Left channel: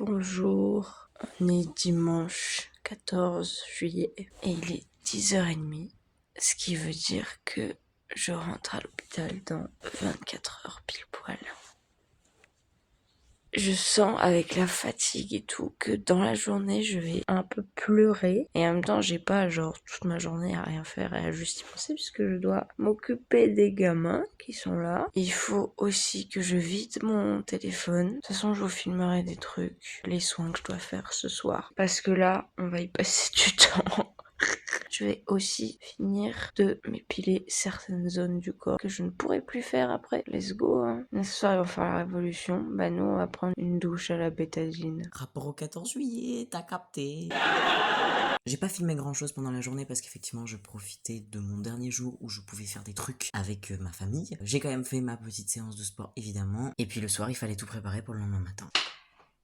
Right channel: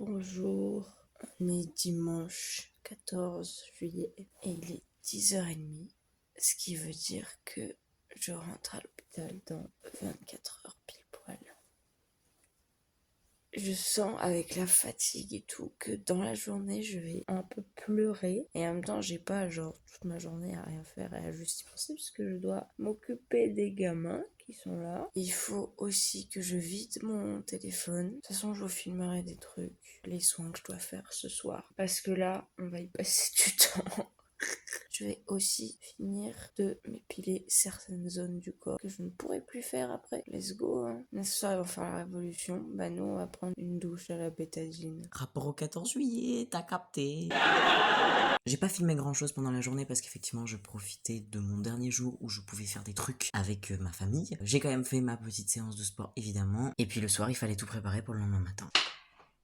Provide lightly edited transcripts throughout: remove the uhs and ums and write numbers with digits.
Bonjour, on est dimanche 14 juillet et il est 10h30, ce qui veut dire que je rentre à l'hôpital dans 24 heures pile poil. Je sens avec la fatigue et tout que dans la journée je vais un peu pleurer et en même temps j'ai pas toute ma journée à rien faire et à juste y penser puisque je dois m'occuper des gamins qui sont là. Il faut aussi que je vide mon téléphone. De toute façon je vous filmerai des trucs, les soins que je dois faire ce soir parce que là on va y passer du temps. Je vais aussi finir de m'épiler certaines zones du corps que je ne pourrai plus faire après. Let's go, hein. Ce soir, ils vont faire la révolution. Bah nous, on va prendre une douche à la bétadine. Rapport au 14 juillet, t'as capté. J'ai pas filmé grand chose pendant la journée parce qu'effectivement je profitais de mon dernier jour où je pouvais faire des trucs avec ma famille. J'ai quand même fait ma petite séance de sport évidemment. Et puis le soir il fallait tout préparer pour le lendemain matin.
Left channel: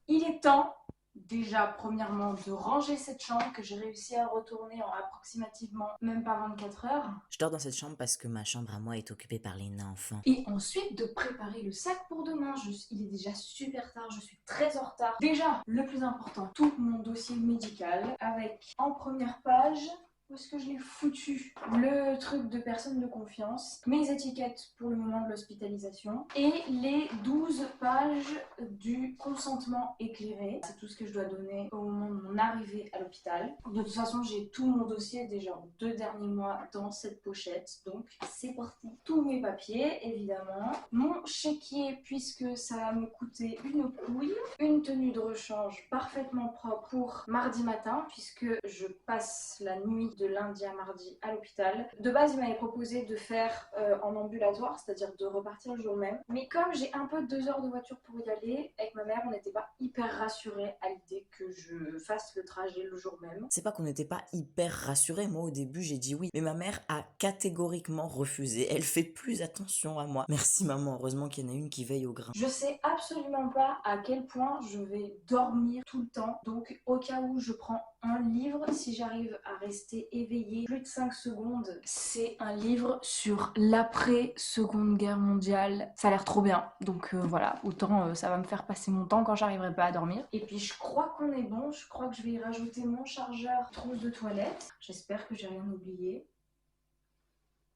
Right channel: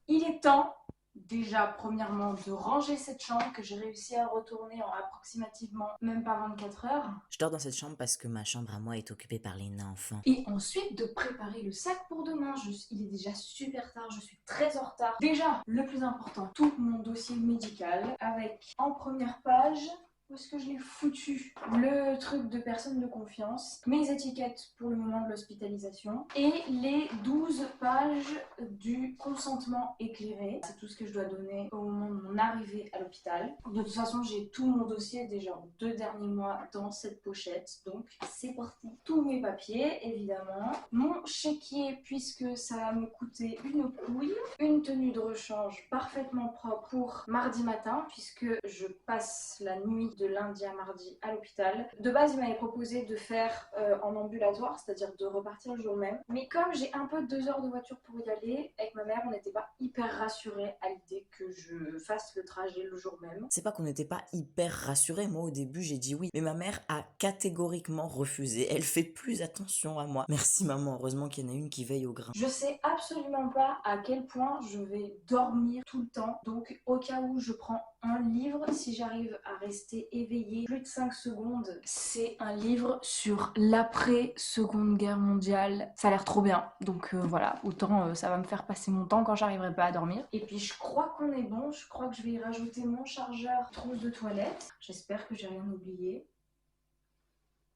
Il est temps, déjà, premièrement, de ranger cette chambre que j'ai réussi à retourner en approximativement même pas 24 heures. Je dors dans cette chambre parce que ma chambre à moi est occupée par les enfants. Et ensuite, de préparer le sac pour demain. Il est déjà super tard, je suis très en retard. Déjà, le plus important, tout mon dossier médical avec en première page... Où est-ce que je l'ai foutu? Le truc de personne de confiance, mes étiquettes pour le moment de l'hospitalisation et les 12 pages du consentement éclairé. C'est tout ce que je dois donner au moment de mon arrivée à l'hôpital. De toute façon, j'ai tout mon dossier déjà en 2 derniers mois dans cette pochette. Donc, c'est parti. Tous mes papiers, évidemment. Mon chéquier, puisque ça va me coûter une couille. Une tenue de rechange parfaitement propre pour mardi matin, puisque je passe la nuit de lundi à mardi à l'hôpital. De base, il m'avait proposé de faire en ambulatoire, c'est-à-dire de repartir le jour même. Mais comme j'ai un peu 2 heures de voiture pour y aller, avec ma mère, on n'était pas hyper rassurés à l'idée que je fasse le trajet le jour même. C'est pas qu'on n'était pas hyper rassurés, moi au début j'ai dit oui, mais ma mère a catégoriquement refusé, elle fait plus attention à moi. Merci maman, heureusement qu'il y en a une qui veille au grain. Je sais absolument pas à quel point je vais dormir tout le temps, donc au cas où je prends un livre, si j'arrive à rester éveillée plus de 5 secondes, c'est un livre sur l'après-seconde guerre mondiale. Ça a l'air trop bien, donc voilà, autant ça va me faire passer mon temps quand j'arriverai pas à dormir. Et puis je crois qu'on est bon, je crois que je vais y rajouter mon chargeur, trousse de toilette. J'espère que j'ai rien oublié.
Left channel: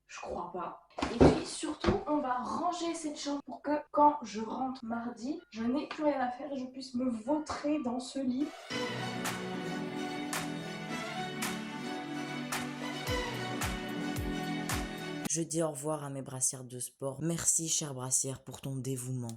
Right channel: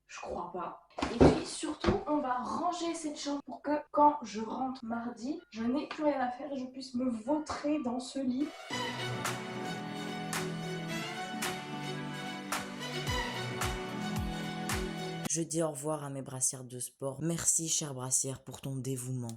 Je crois pas. Et puis surtout, on va ranger cette chambre pour que quand je rentre mardi, je n'ai plus rien à faire et je puisse me vautrer dans ce lit. Je dis au revoir à mes brassières de sport. Merci chère brassière pour ton dévouement.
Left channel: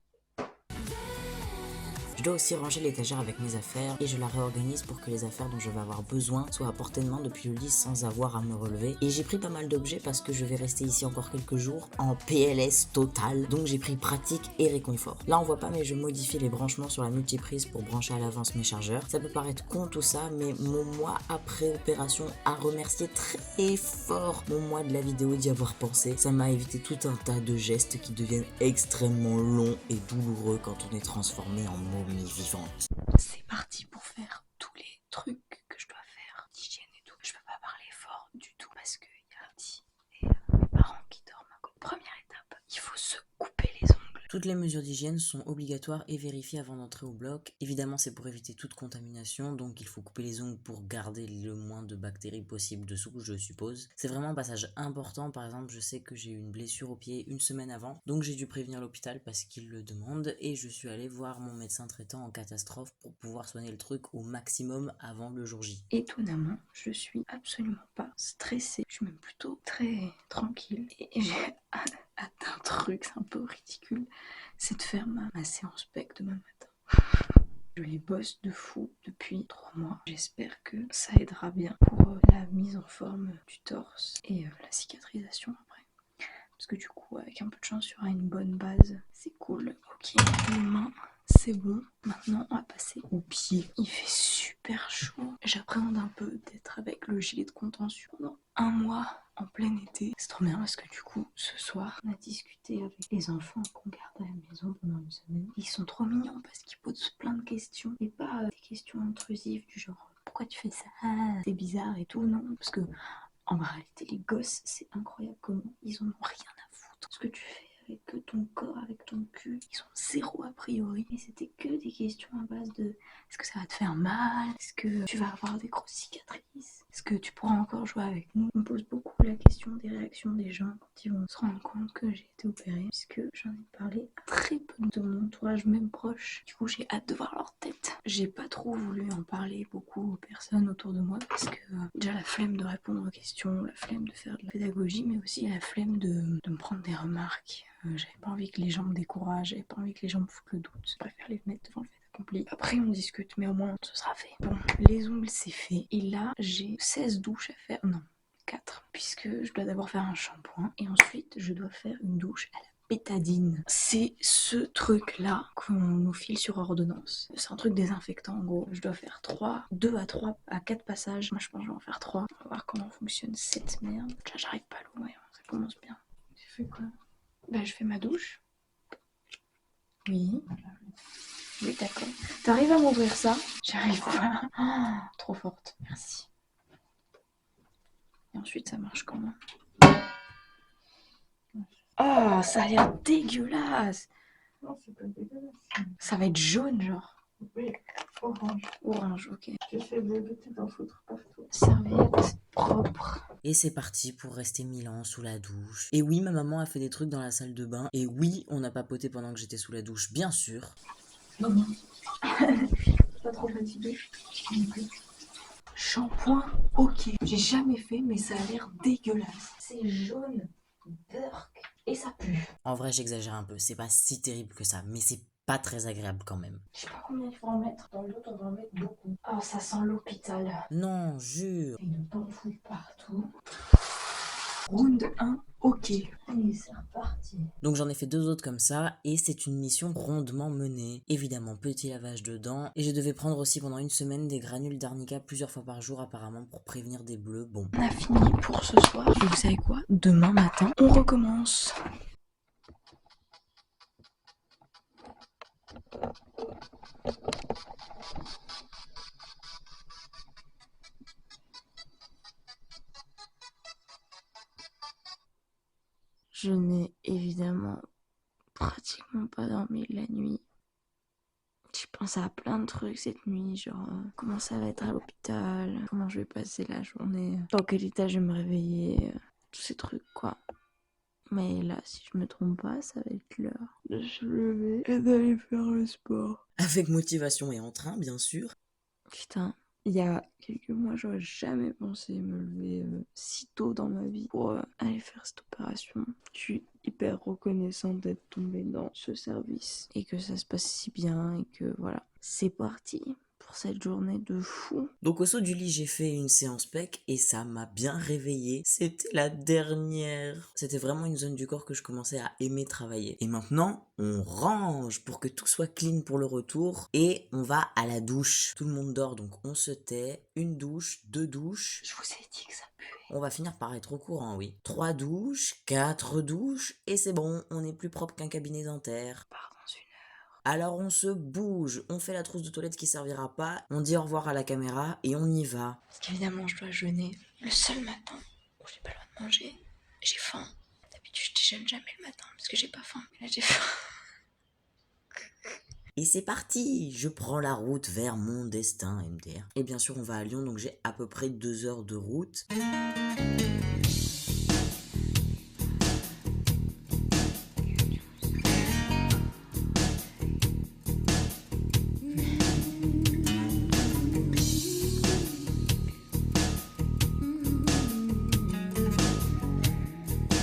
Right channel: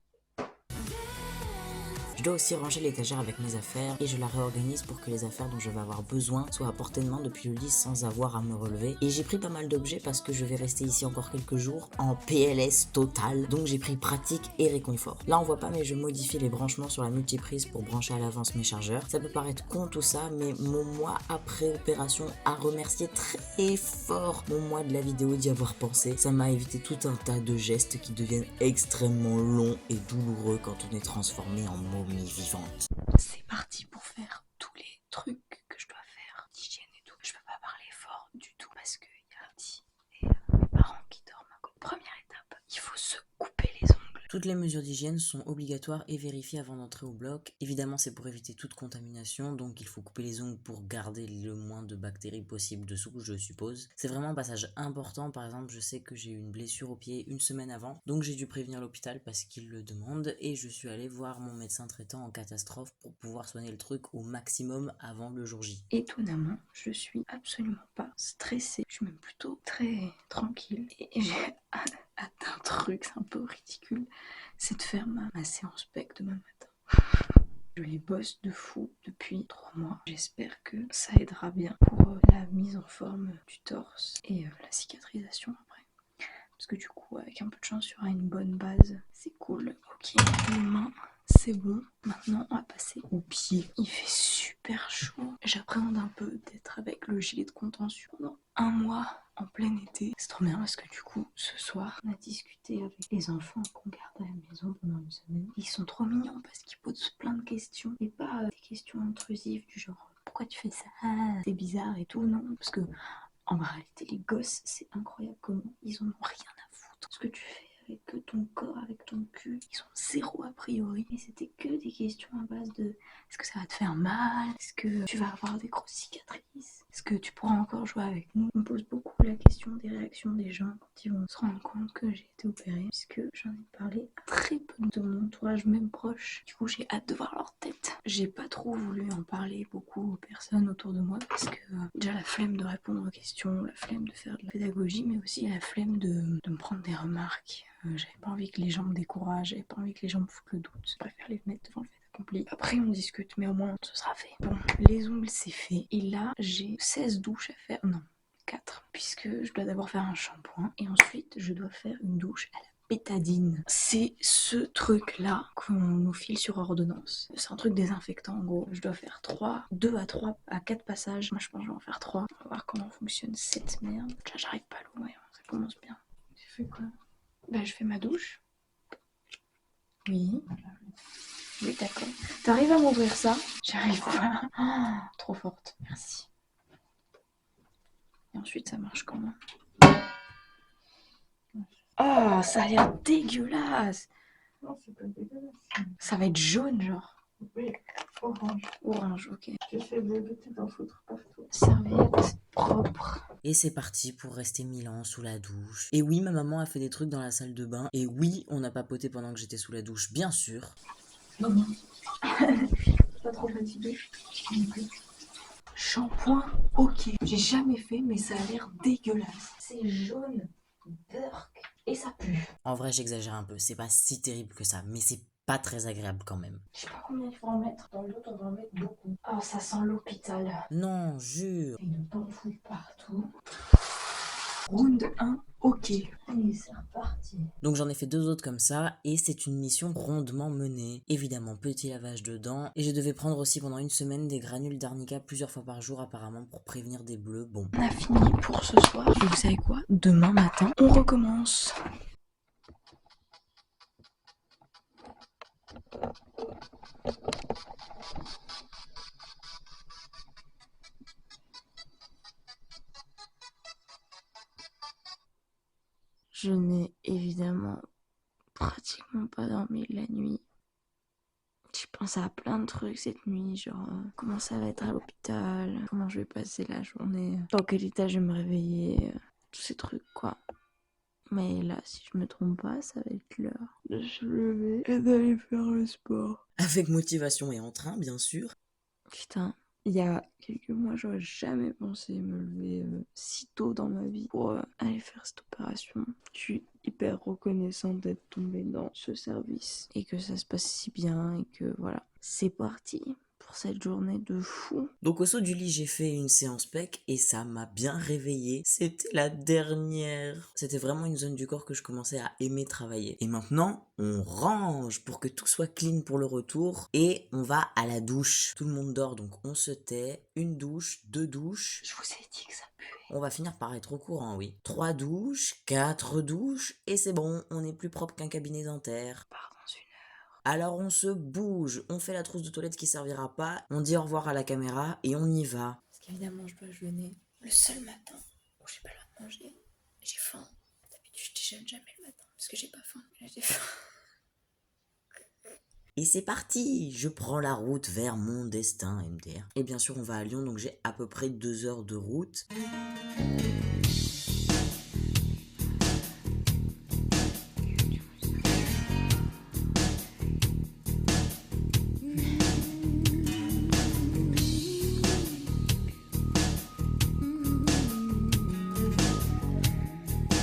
Je dois aussi ranger l'étagère avec mes affaires et je la réorganise pour que les affaires dont je vais avoir besoin soient à portée de main depuis le lit sans avoir à me relever. Et j'ai pris pas mal d'objets parce que je vais rester ici encore quelques jours en PLS total. Donc j'ai pris pratique et réconfort. Là on voit pas mais je modifie les branchements sur la multiprise pour brancher à l'avance mes chargeurs. Ça peut paraître con tout ça mais mon mois après opération a remercié très fort mon mois de la vidéo d'y avoir pensé. Ça m'a évité tout un tas de gestes qui deviennent extrêmement longs et douloureux quand on est transformé en momie vivante. C'est parti pour faire tous les trucs que je dois faire d'hygiène et tout. Je peux pas parler fort du tout parce qu'il y a un petit et mes parents qui dorment. Première étape, il faut se couper les ongles. Toutes les mesures d'hygiène sont obligatoires et vérifiées avant d'entrer au bloc. Évidemment, c'est pour éviter toute contamination, donc il faut couper les ongles pour garder le moins de bactéries possible dessous, je suppose. C'est vraiment un passage important. Par exemple, je sais que j'ai eu une blessure au pied une semaine avant, donc j'ai dû prévenir l'hôpital parce qu'il le demande et je suis allé voir mon médecin traitant en catastrophe pour pouvoir soigner le truc au maximum avant le jour J. Étonnamment, je suis absolument pas stressée. Je suis même plutôt très tranquille et j'ai hâte d'un truc, c'est un peu ridicule, c'est de faire ma séance pec demain matin. Je les bosse de fou depuis 3 mois. J'espère que ça aidera bien pour la mise en forme du torse et la cicatrisation après. Parce que du coup, avec un peu de chance, il y aura une bonne base. C'est cool. Ok, les mains, c'est bon. Maintenant, on va passer aux pieds. Il fait super chaud. J'appréhende un peu d'être avec le gilet de contention pendant 1 mois en plein été. C'est trop bien parce que du coup, ce soir, on a discuté avec les enfants qu'on garde à la maison pendant une semaine. Ils sont trop mignons parce qu'ils posent plein de questions. Et pas des questions intrusives du genre « Pourquoi tu fais ça? C'est bizarre et tout. » Non, parce que en réalité, les gosses, c'est incroyable comment ils en ont rien à foutre. Ce que tu fais avec ton corps, avec ton cul, qui sont zéro a priori. Et c'était que des questions à base de est-ce que ça va te faire mal? Est-ce que tu vas avoir des grosses cicatrices? Est-ce que tu pourras encore jouer avec nous? On me pose beaucoup la question des réactions des gens quand ils vont se rendre compte que j'ai été opérée, puisque j'en ai parlé à très peu de mon entourage, même proche. Du coup, j'ai hâte de voir leur tête. J'ai pas trop voulu en parler beaucoup aux personnes autour de moi, parce que déjà la flemme de répondre aux questions, la flemme de faire de la pédagogie, mais aussi la flemme de me prendre des remarques. J'avais pas envie que les gens me découragent, j'avais pas envie que les gens me foutent le doute. Je préfère les mettre devant le fait accompli. Après on discute, mais au moins ce sera fait. Bon, les ongles c'est fait. Et là j'ai 16 douches à faire. Non, 4. Puisque je dois d'abord faire un shampoing et ensuite je dois faire une douche à la bétadine. C'est ce truc là qu'on nous file sur ordonnance. C'est un truc désinfectant en gros. Je dois faire 2 à 4 passages. Moi je pense que je vais en faire 3. On va voir comment fonctionne cette merde. Déjà j'arrive pas à l'ouvrir, ça commence bien. Tu fais quoi? Bah je fais ma douche. Oui. Oui d'accord. T'arrives à m'ouvrir ça? J'arrive pas. Oh, trop forte. Merci. Et ensuite ça marche comment? Oh, ça a l'air dégueulasse. Non, c'est pas dégueulasse. Ça va être jaune, genre. Oui, orange. Orange, ok. J'essaie d'éviter d'en foutre partout. Serviette propre. Et c'est parti pour rester 1000 ans sous la douche. Et oui, ma maman a fait des trucs dans la salle de bain. Et oui, on a papoté pendant que j'étais sous la douche, bien sûr. Non. Pas trop fatiguée. Shampoing, ok. J'ai jamais fait, mais ça a l'air dégueulasse. C'est jaune, burk, et ça pue. En vrai, j'exagère un peu, c'est pas si terrible que ça, mais c'est pas très agréable quand même. Je sais pas combien il faut en mettre. Dans le dos, on va en mettre beaucoup. Oh, ça sent l'hôpital. Non, jure. Et ne t'en fous partout. Round 1, ok. Allez, c'est reparti. Donc j'en ai fait 2 autres comme ça, et c'est une mission rondement menée. Évidemment, petit lavage de dents, et je devais prendre aussi pendant une semaine des granules d'arnica plusieurs fois par jour apparemment pour prévenir des bleus. Bon. On a fini pour ce soir. Et vous savez quoi? Demain matin, on recommence. Je n'ai évidemment pratiquement pas dormi la nuit. J'ai pensé à plein de trucs cette nuit, genre comment ça va être à l'hôpital, comment je vais passer la journée, dans quel état je vais me réveiller, tous ces trucs quoi. Mais là, si je me trompe pas, ça va être l'heure de se lever et d'aller faire le sport. Avec motivation et entrain, bien sûr. Putain, il y a quelques mois, j'aurais jamais pensé me lever si tôt dans ma vie pour aller faire cette opération. Je suis hyper reconnaissante d'être tombée dans ce service et que ça se passe si bien et que voilà. C'est parti pour cette journée de fou. Donc au saut du lit, j'ai fait une séance pec et ça m'a bien réveillé. C'était la dernière. C'était vraiment une zone du corps que je commençais à aimer travailler. Et maintenant, on range pour que tout soit clean pour le retour et on va à la douche. Tout le monde dort donc on se tait. 1 douche, 2 douches. Je vous ai dit que ça puait. On va finir par être au courant, oui. 3 douches, 4 douches et c'est bon, on est plus propre qu'un cabinet dentaire. Part dans une heure. Alors on se bouge, on fait la trousse de toilette qui servira pas, on dit au revoir à la caméra et on y va. Parce qu'évidemment, je dois jeûner le seul matin où j'ai pas le droit de manger. J'ai faim. D'habitude, je déjeune jamais le matin parce que j'ai pas faim. Mais là, j'ai faim. Et c'est parti, je prends la route vers mon destin MDR. Et bien sûr on va à Lyon donc j'ai à peu près 2 heures de route.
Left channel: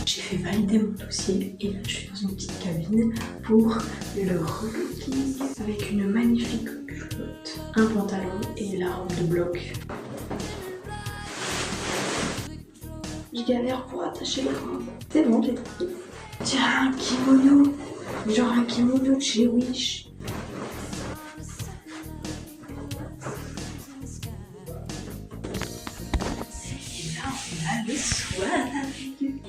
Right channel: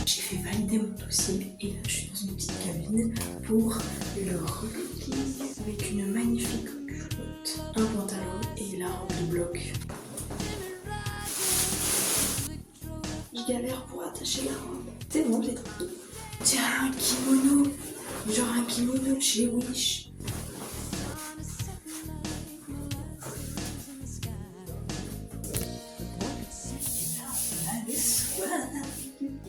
J'ai fait valider mon dossier et là, je suis dans une petite cabine pour le relooking avec une magnifique culotte, un pantalon et la robe de bloc. Je galère pour attacher les robes. C'est bon, j'ai trouvé. Tiens, un kimono. Genre un kimono de chez Wish. Et là, on a le soin.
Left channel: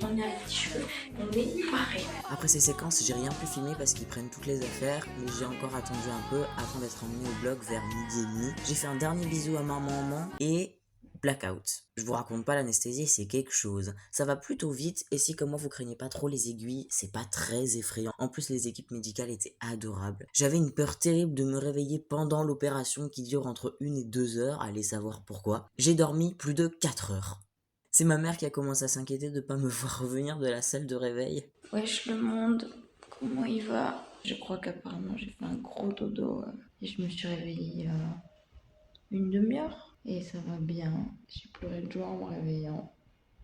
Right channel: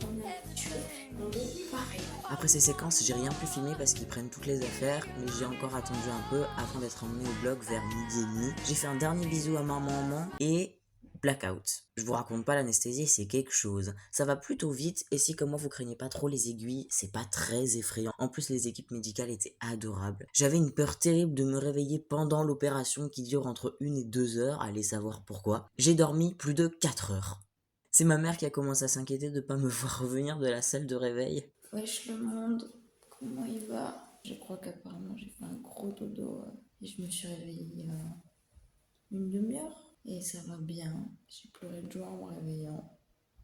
On a les cheveux. On est pareil. Après ces séquences j'ai rien pu filmer parce qu'ils prennent toutes les affaires, mais j'ai encore attendu un peu afin d'être emmené au blog vers 12h30. J'ai fait un dernier bisou à maman et Blackout. Je vous raconte pas, l'anesthésie, c'est quelque chose. Ça va plutôt vite et si comme moi vous craignez pas trop les aiguilles, c'est pas très effrayant. En plus, les équipes médicales étaient adorables. J'avais une peur terrible de me réveiller pendant l'opération qui dure entre 1 et 2 heures, allez savoir pourquoi. J'ai dormi plus de 4 heures. C'est ma mère qui a commencé à s'inquiéter de pas me voir revenir de la salle de réveil. Wesh le monde, comment il va? Je crois qu'apparemment j'ai fait un gros dodo et je me suis réveillée il y a une demi-heure et ça va bien. J'ai pleuré de joie en me réveillant.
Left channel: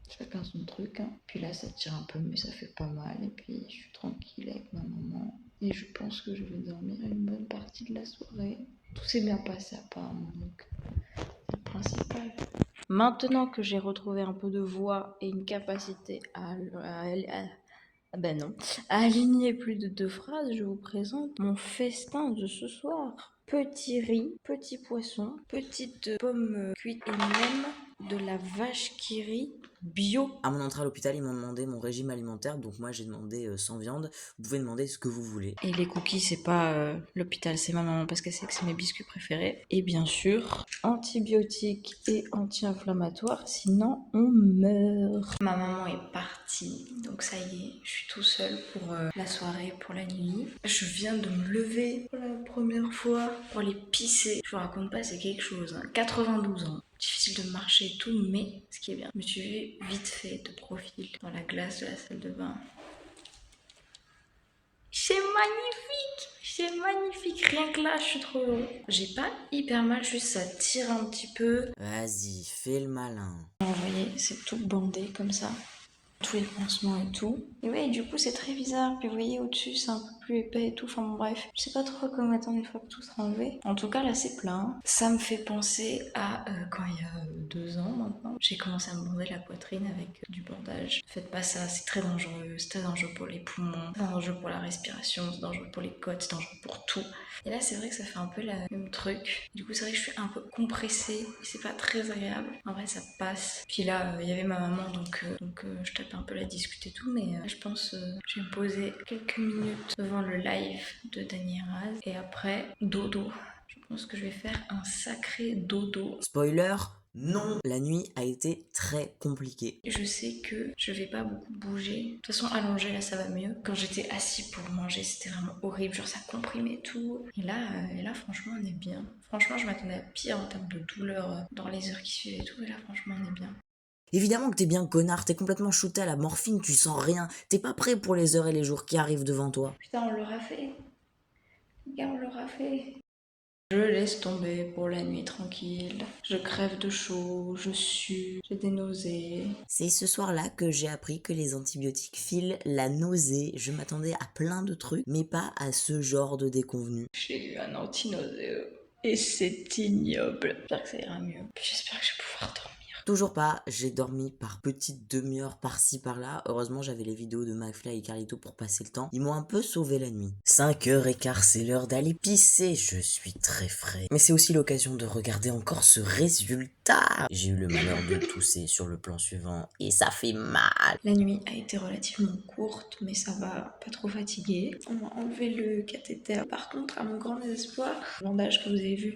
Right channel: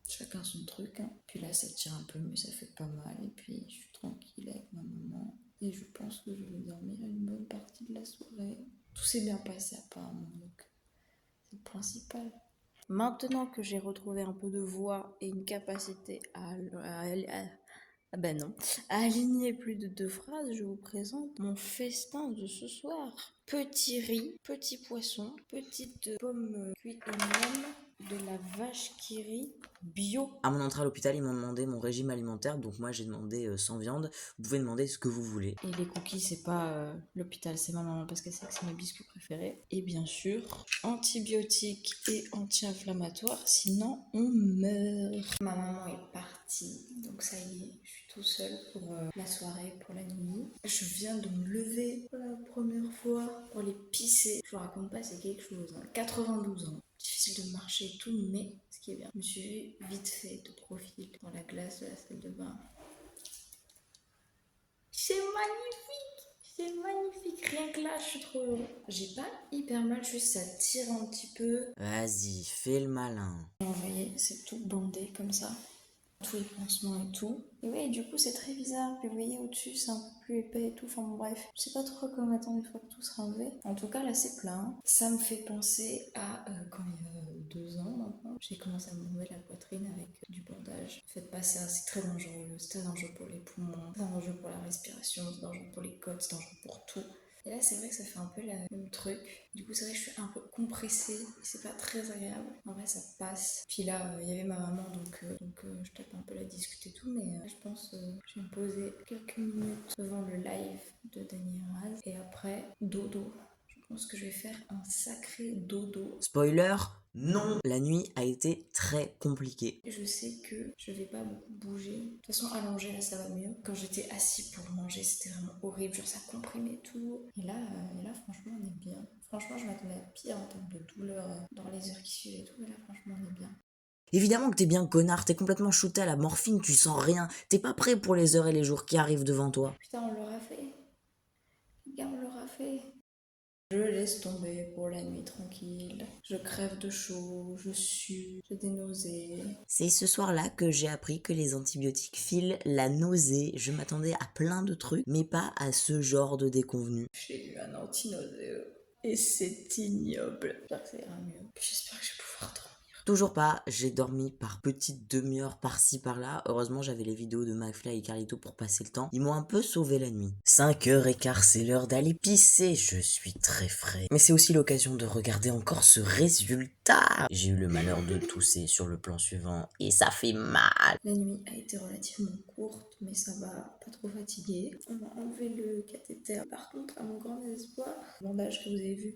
Chacun son truc, hein. Puis là ça tire un peu mais ça fait pas mal et puis je suis tranquille avec ma maman et je pense que je vais dormir une bonne partie de la soirée. Tout s'est bien passé apparemment donc c'est le principal. Maintenant que j'ai retrouvé un peu de voix et une capacité à aligner plus de 2 phrases, je vous présente mon festin de ce soir. Petit riz, petit poisson, petite pomme cuite et même de la vache qui rit bio. À mon entrée à l'hôpital, ils m'ont demandé mon régime alimentaire, donc moi j'ai demandé sans viande. Vous pouvez demander ce que vous voulez. Et les cookies, c'est pas l'hôpital, c'est ma maman parce qu'elle sait que c'est mes biscuits préférés. Et bien sûr, antibiotiques et anti-inflammatoires, sinon on meurt. Ma maman est partie, donc ça y est, je suis tout seul pour la soirée, pour la nuit. Je viens de me lever pour la première fois pour aller pisser. Je vous raconte pas, c'est quelque chose, hein. 92 ans. Difficile de marcher et tout, mais ce qui est bien, je me suis vue vite fait de profil dans la glace de la salle de bain. C'est magnifique, rien que là je suis trop heureux. J'ai pas hyper mal, juste ça tire un petit peu. Vas-y, fais le malin. Vous voyez, c'est tout bandé comme ça, tous les pansements et tout. Et ouais, du coup c'est très bizarre, puis vous voyez au-dessus c'est un peu plus épais et tout, enfin bon bref. Je sais pas trop comment attendre une fois que tout sera enlevé. En tout cas là c'est plein. Ça me fait penser à quand il y a 2 ans maintenant, j'ai commencé à me bander la poitrine avec du bandage. Faites pas ça, c'est très dangereux pour les poumons, c'est dangereux pour la respiration, c'est dangereux pour les côtes, c'est dangereux pour tout. Et là c'est vrai que ça fait un peu le même truc. Du coup c'est vrai que je suis un peu compressée et c'est pas très agréable. En vrai ça passe. Puis là il y avait ma maman donc je tape un peu la discute et tout, mais je pense je vais me poser quelques minutes devant le live de Dany Raz et après dodo. Je pense que je vais faire un sacré dodo. Spoiler, non. La nuit a été très compliquée. Je sais que je vais pas beaucoup bouger. De toute façon, allongée là, ça va mieux. Quand j'étais assis pour manger, c'était vraiment horrible. Genre, ça comprimait tout. Et là, franchement, on est bien. Franchement, je m'attendais à pire en termes de douleur dans les heures qui suivaient et tout. Et là, franchement, on est bien. Évidemment que t'es bien connard, t'es complètement shooté à la morphine, tu sens rien. T'es pas prêt pour les heures et les jours qui arrivent devant toi. Putain, on l'aura fait. Les gars, on l'aura fait. Je laisse tomber pour la nuit tranquille. Je crève de chaud, je sue, j'ai des nausées. C'est ce soir-là que j'ai appris que les antibiotiques filent la nausée. Je m'attendais à plein de trucs, mais pas à ce genre de déconvenus. J'ai eu un anti-nauséeux et c'est ignoble. J'espère que ça ira mieux. J'espère que je vais pouvoir dormir. Toujours pas, j'ai dormi par petites demi-heures par-ci par-là. Heureusement, j'avais les vidéos de McFly et Carlito pour passer le temps. Ils m'ont un peu sauvé la nuit. 5h15, c'est l'heure d'aller pisser. Je suis très frais. Mais c'est aussi l'occasion de regarder encore ce résultat. J'ai eu le malheur de tousser sur le plan suivant et ça fait mal. La nuit a été relativement courte, mais ça va, pas trop fatigué. On m'a enlevé le cathéter. Par contre, à mon grand désespoir, le bandage que vous avez vu,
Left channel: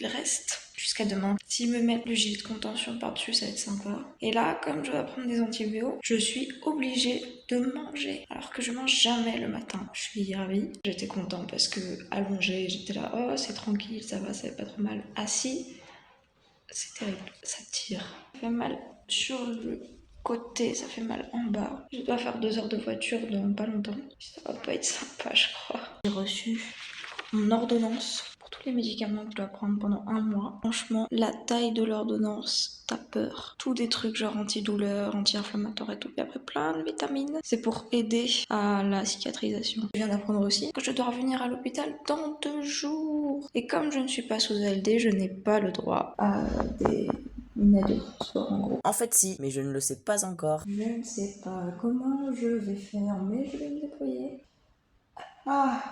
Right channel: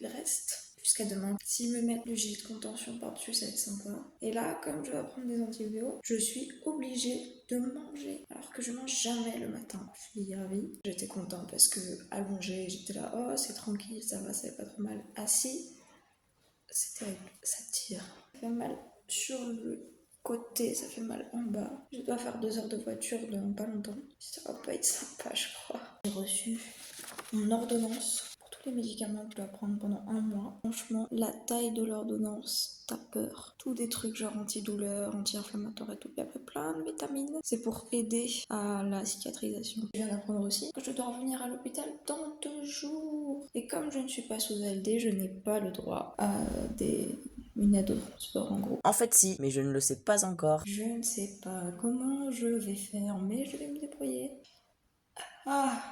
il reste jusqu'à demain. S'ils me mettent le gilet de contention par-dessus, ça va être sympa. Et là, comme je dois prendre des antibiotiques, je suis obligée de manger. Alors que je mange jamais le matin. Je suis ravie. J'étais contente parce que allongée, j'étais là, oh c'est tranquille, ça va pas trop mal. Assis, c'est terrible. Ça tire. Ça fait mal sur le côté, ça fait mal en bas. Je dois faire 2 heures de voiture dans pas longtemps. Ça va pas être sympa, je crois. J'ai reçu mon ordonnance pour tous les médicaments que je dois prendre pendant 1 mois. Franchement, la taille de l'ordonnance, t'as peur. Tous des trucs genre antidouleur, anti-inflammatoire et tout. Et après plein de vitamines. C'est pour aider à la cicatrisation. Je viens d'apprendre aussi que je dois revenir à l'hôpital dans 2 jours. Et comme je ne suis pas sous ALD, je n'ai pas le droit à une aide de transport en gros. En fait si, mais je ne le sais pas encore. Je ne sais pas comment je vais faire, mais je vais me débrouiller. Ah,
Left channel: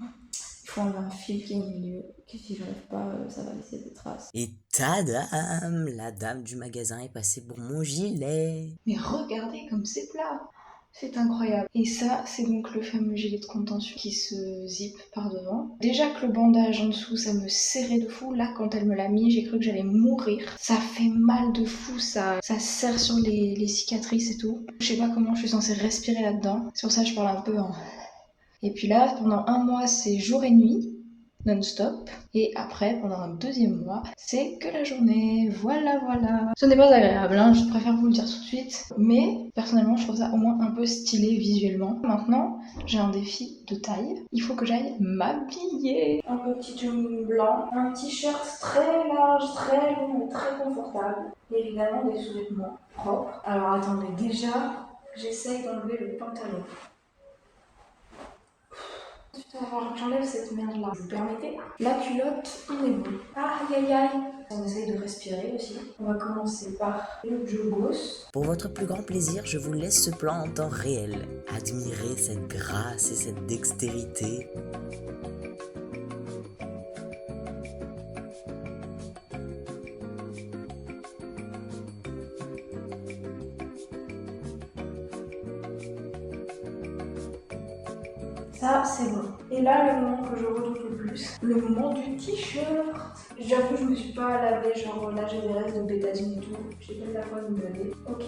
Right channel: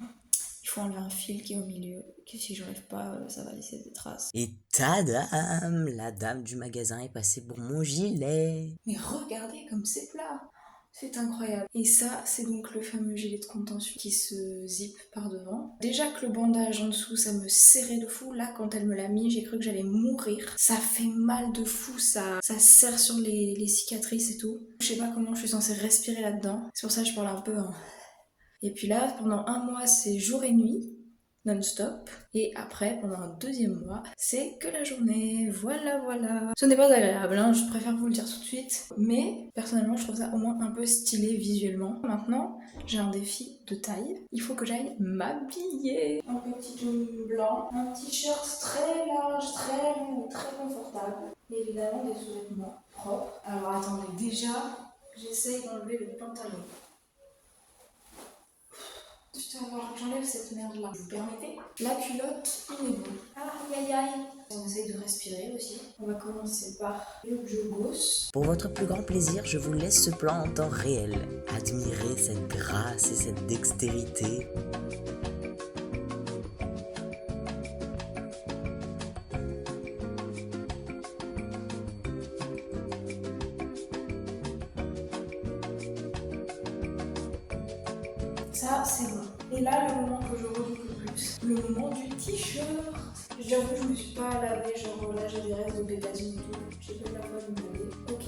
il faut enlever un fil qui est au milieu, que si je n'arrive pas, ça va laisser des traces. Et tadam, la dame du magasin est passée pour mon gilet. Mais regardez comme c'est plat. C'est incroyable. Et ça, c'est donc le fameux gilet de contention qui se zippe par devant. Déjà que le bandage en dessous, ça me serrait de fou. Là, quand elle me l'a mis, j'ai cru que j'allais mourir. Ça fait mal de fou, ça serre sur les cicatrices et tout. Je sais pas comment je suis censée respirer là-dedans. C'est pour ça que je parle un peu en... Et puis là, pendant un mois, c'est jour et nuit, non-stop. Et après, pendant un deuxième mois, c'est que la journée. Voilà, voilà. Ce n'est pas agréable, hein, je préfère vous le dire tout de suite. Mais personnellement, je trouve ça au moins un peu stylé visuellement. Maintenant, j'ai un défi de taille. Il faut que j'aille m'habiller. Un petit jean blanc, un t-shirt très large, très long et très confortable. Et évidemment, des sous-vêtements propres. Alors attendez, déjà, j'essaye d'enlever le pantalon. Putain, alors j'enlève cette merde là. Vous permettez? La culotte, on est bon. Aïe aïe aïe. On essaye de respirer aussi. On va commencer par le jogos. Pour votre plus grand plaisir, je vous laisse ce plan en temps réel. Admirez cette grâce et cette dextérité. Ça, c'est bon. Et là, le moment que je redoute le plus, le moment du t-shirt. J'avoue, je me suis pas lavé, genre là j'ai des restes de bétadine et tout. J'ai pas eu la fois de me laver. Ok,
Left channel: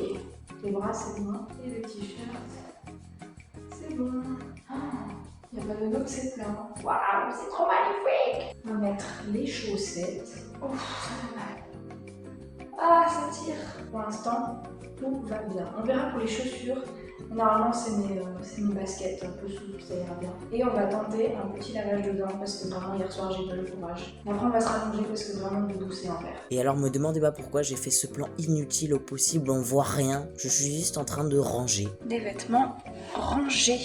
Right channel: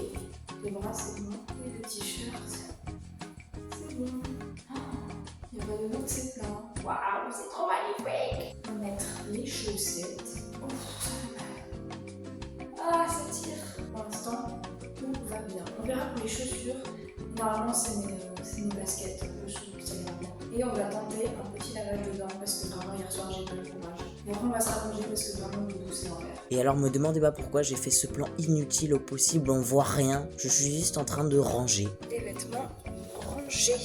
les bras c'est bon. Et le t-shirt, c'est bon. Il n'y a pas de note, c'est plein. Waouh, c'est trop magnifique. On va mettre les chaussettes. Ouf, ça fait mal. Ah, ça tire. Pour l'instant, tout va bien. On verra pour les chaussures. Normalement, c'est mes baskets un peu souples, ça ira bien. Et on va tenter un petit lavage de dents parce que vraiment hier soir j'ai pas le courage. Et après on va se rallonger parce que vraiment le dos c'est l'enfer. Et alors me demandez pas pourquoi j'ai fait ce plan inutile au possible, on voit rien. Je suis juste en train de ranger. Des vêtements rangés.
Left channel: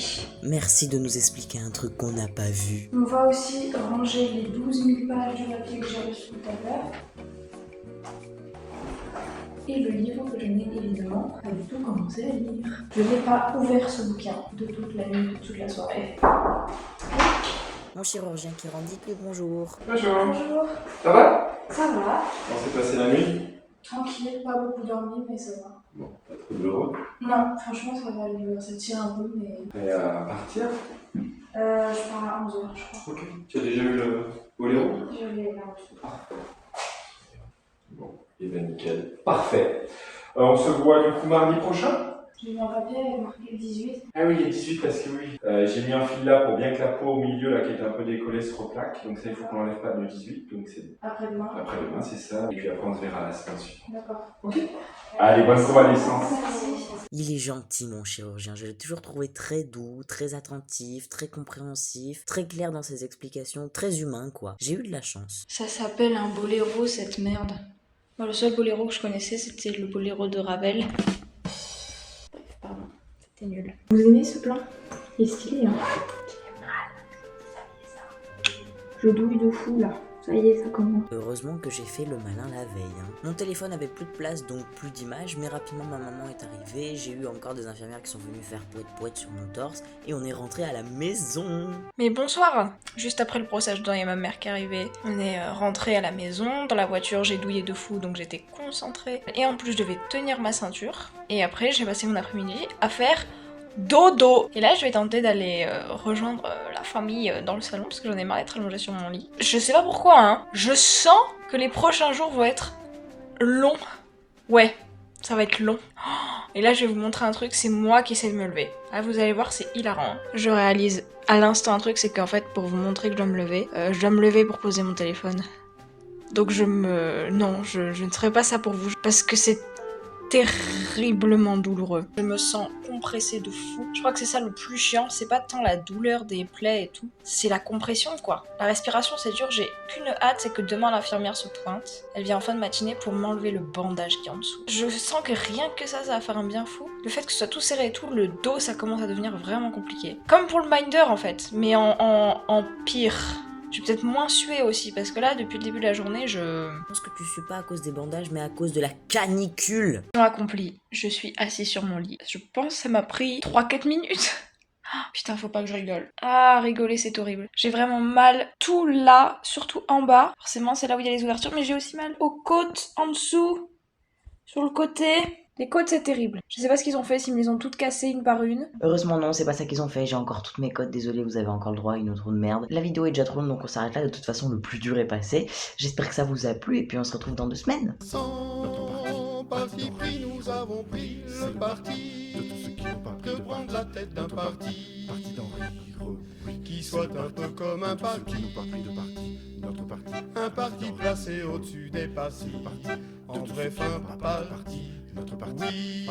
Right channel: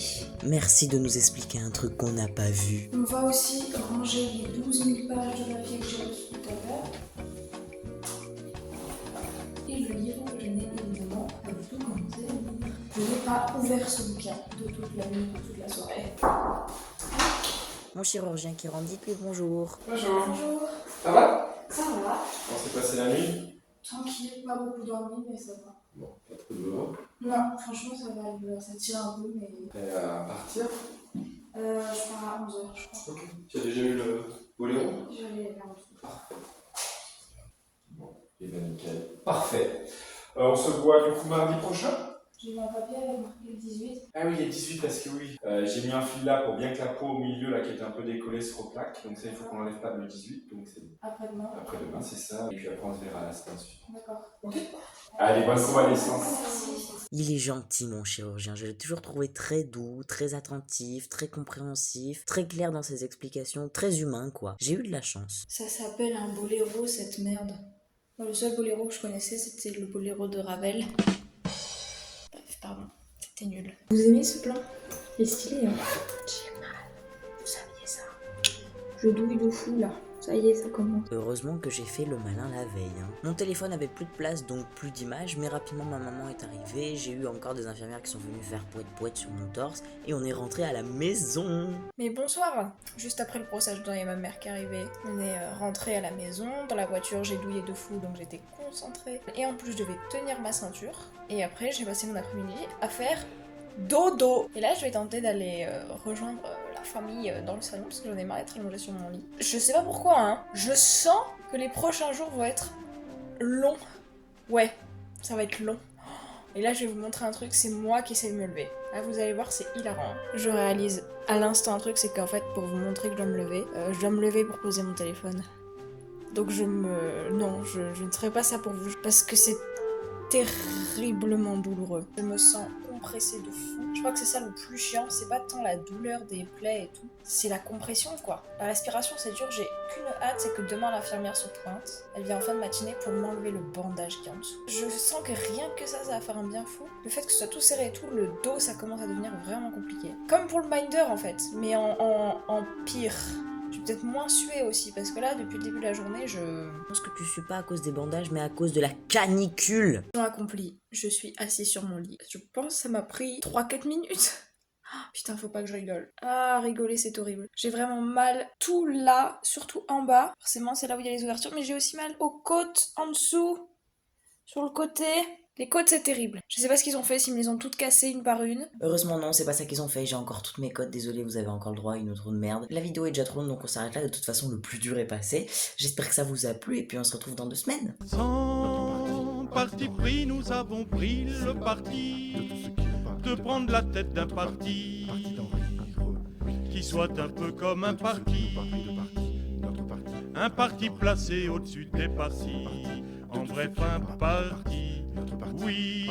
Merci de nous expliquer un truc qu'on n'a pas vu. On va aussi ranger les 12 000 pages de papier que j'ai reçu tout à l'heure. Et le livre que je n'ai évidemment pas du tout commencé à lire. Je n'ai pas ouvert ce bouquin de toute la nuit, de toute la soirée. Mon chirurgien qui rend, dites-lui bonjour. Bonjour. Bonjour. Ça va? Ça va? On s'est passé la nuit? Tranquille, pas beaucoup dormi, mais ça va. Bon, pas trop douloureux. Non, franchement ça va, ça tire un peu, mais... Prêt à partir? Je pars à 11h, je crois. Ok. Tu as déjà eu le boléro? Je l'ai là reçu. Bon, et bien nickel. Parfait. On se voit du coup mardi prochain? J'ai mis un papier avec marqué le 18. Ah oui, il y a 18 parce que oui. J'ai mis un fil là pour bien que la peau au milieu là qui était un peu décollée se replaque. Donc ça, il faut qu'on n'enlève pas le 18. Donc c'est Après-demain. après-demain, c'est ça. Et puis après, on se verra la semaine suivante. D'accord. Ok. Allez, bonne convalescence. Merci. Il est gentil mon chirurgien, je l'ai toujours trouvé très doux, très attentif, très compréhensif, très clair dans ses explications, très humain quoi. J'ai eu de la chance. Ça s'appelle un boléro cette merde. Moi, le seul boléro que je connaissais c'était le boléro de Ravel. Bref, pardon, c'était nul. Vous aimez ce plan? Il est stylé, hein? J'ai mal, vous saviez ça. Je douille de fou là. Ça y est, ça commence. Heureusement que j'ai fait le malin la veille. Mon téléphone avait plus de place, donc plus d'images, mais rapidement ma maman est arrivée, j'ai eu encore des infirmières qui sont venues faire poète-poète sur mon torse, et on est rentré à la maison. Mais bonsoir. Juste après le brossage de dents, il y a ma mère qui est arrivée. On est rentré à la maison. Dans la voiture, j'ai douillé de fou, donc j'étais concentrée. Et en plus, je devais tenir ma ceinture. Et après, j'ai passé mon après-midi à faire dodo. Et là, je vais tenter d'aller rejoindre la famille dans le salon parce que j'en ai marre d'être allongée sur mon lit. Je sais pas pourquoi, hein. Je sens que les prochains jours vont être longs. Ouais, ça va être long. Et là, je vais vous montrer un truc, c'est moi qui essaie de me lever. Là, vous allez voir, c'est hilarant. Je réalise à l'instant un truc, c'est qu'en fait, pour vous montrer que je dois me lever, je dois me lever pour poser mon téléphone. Donc non, je ne ferai pas ça pour vous, parce que c'est terriblement douloureux. Je me sens compressée de fou. Je crois que c'est ça le plus chiant, c'est pas tant la douleur des plaies et tout, c'est la compression quoi. La respiration c'est dur, j'ai qu'une hâte, c'est que demain l'infirmière se pointe. Elle vient en fin de matinée pour m'enlever le bandage qui est en dessous. Je sens que rien que ça va faire un bien fou. Le fait que ce soit tout serré et tout, le dos ça commence à devenir vraiment compliqué. Comme pour le binder en fait, mais en pire. Je vais peut-être moins suer aussi, parce que là, depuis le début de la journée, je pense que tu sues pas à cause des bandages, mais à cause de la canicule. mission accomplie. Je suis assise sur mon lit. Je pense que ça m'a pris 3-4 minutes. Putain, faut pas que je rigole. Ah, rigoler, c'est horrible. J'ai vraiment mal tout là, surtout en bas. Forcément, c'est là où il y a les ouvertures, mais j'ai aussi mal aux côtes, en dessous, sur le côté. Les codes, c'est terrible. Je sais pas ce qu'ils ont fait, s'ils me les ont toutes cassées une par une. Heureusement non, c'est pas ça qu'ils ont fait, j'ai encore toutes mes codes, désolé, vous avez encore le droit à une autre de merde. La vidéo est déjà trop longue donc on s'arrête là, de toute façon le plus dur est passé. J'espère que ça vous a plu et puis on se retrouve dans 2 semaines. Sans parti pris, nous avons pris le parti de prendre la tête d'un parti qui soit un peu comme un parti, un parti placé au-dessus des partis, en bref un parti, oui,